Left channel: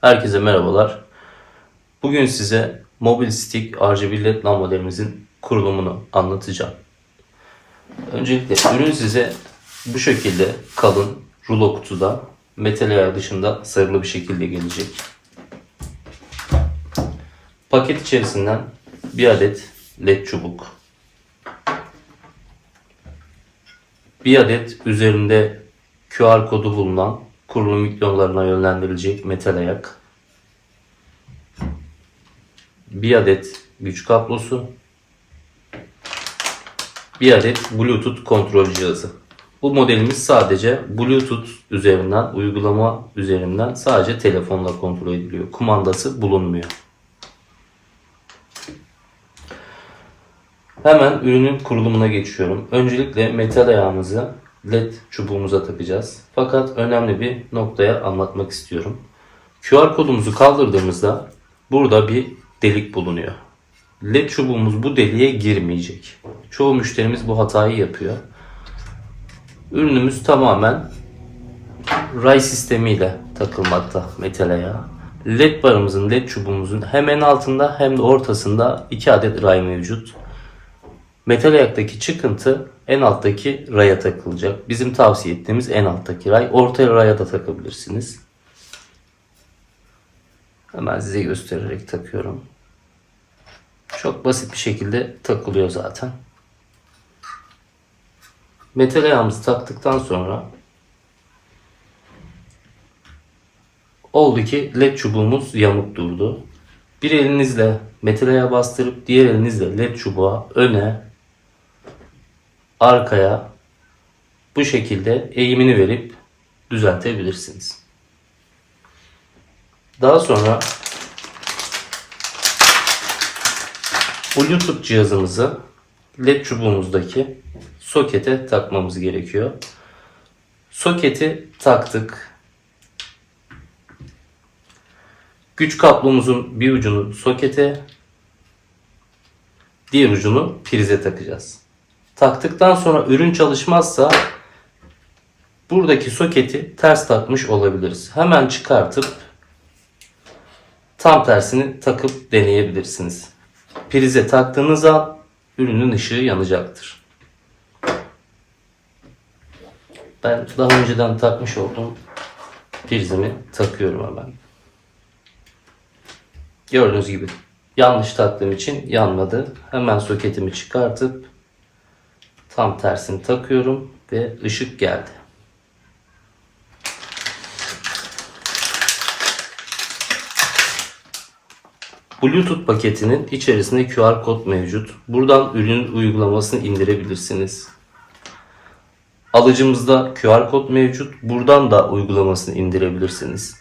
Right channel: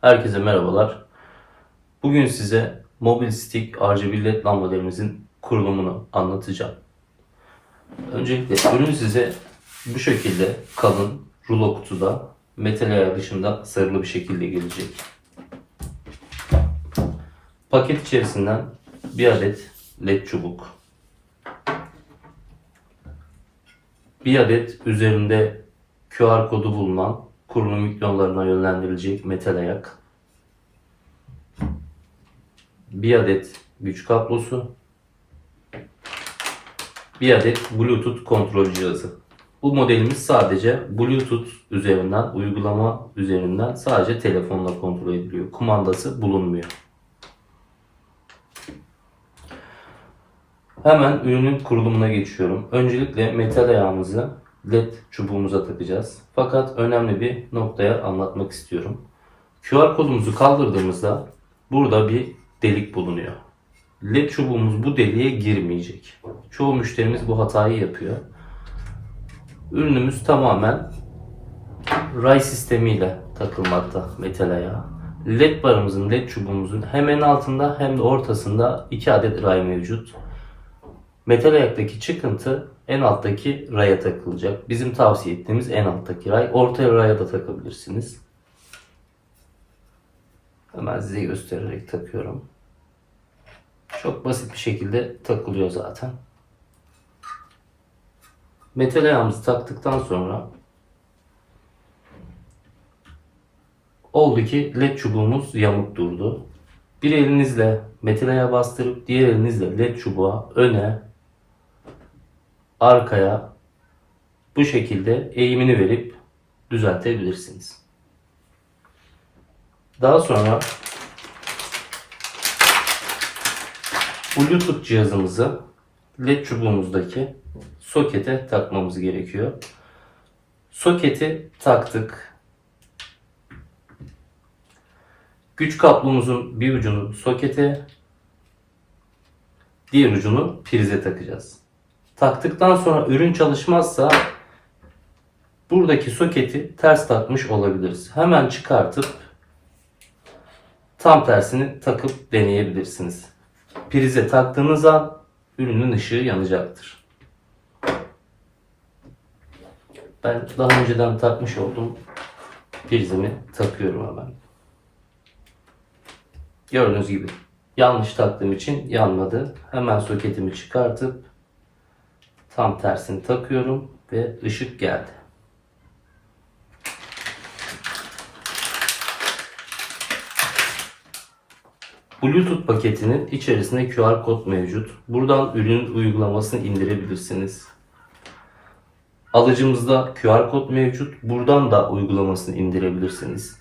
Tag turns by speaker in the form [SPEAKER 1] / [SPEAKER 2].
[SPEAKER 1] Herkese merhabalar. Bugün size Mobil Stick RGB LED lambalarımızın kurulumunu anlatacağım. Öncelikle ürün size bu şekilde kalın rulo kutuda metal ayağı dışında sarılı bir şekilde gelecek. Paket içerisinden bir adet led çubuk. Bir adet üzerinde QR kodu bulunan kurulum mikrofonlarına yönlendirilecek metal ayak. Bir adet güç kablosu. Bir adet Bluetooth kontrol cihazı. Bu modelimiz sadece Bluetooth üzerinden, uygulama üzerinden sadece telefonla kontrol ediliyor. Kumandası bulunmuyor. Hemen ürünün kurulumuna geçiyorum. Öncelikle metal ayağımızı led çubuğumuza takacağız. Fakat önemli bir noktaya anlatmak istiyorum. QR kodumuzu kaldırdığımızda burada bir delik bulunuyor. Led çubuğumuz bu deliğe girmeyecek. Çoğu müşterimiz bu hatayı yapıyor. Ürünümüz tamamen ray sistemiyle takılmakta metal ayağa. LED barımızın, LED çubuğumuzun hemen altında hem de ortasında iki adet ray mevcut. Metal ayaktaki çıkıntı en alttaki raya takılacak. Bizim tavsiye ettiğimiz en alttaki ray. Ortaya raya da takabilirsiniz. Hemen size göstererek takıyorum. Çok basit bir şekilde takılıyor zaten. Metal ayağımızı taktıktan sonra oldu ki led çubuğumuz yamuk durdu. Bir elinizle metal ayağı bastırıp diğer elinizle led çubuğa öne arkaya bu şekilde eğimini verip düzeltebilirsiniz. Daha sonra Bluetooth cihazımızı led çubuğumuzdaki sokete takmamız gerekiyor. Soketi taktık. Güç kablomuzun bir ucunu sokete, diğer ucunu prize takacağız. Taktıktan sonra ürün çalışmazsa buradaki soketi ters takmış olabiliriz. Hemen çıkartıp tam tersini takıp deneyebilirsiniz. Prize taktığınız an ürünün ışığı yanacaktır. Ben daha önceden takmış olduğum prizimi takıyorum hemen. Gördüğünüz gibi yanlış taktığım için yanmadı. Hemen soketimi çıkartıp tam tersini takıyorum ve ışık geldi. Bluetooth paketinin içerisinde QR kod mevcut. Buradan ürünün uygulamasını indirebilirsiniz. Alıcımızda QR kod mevcut. Buradan da uygulamasını indirebilirsiniz.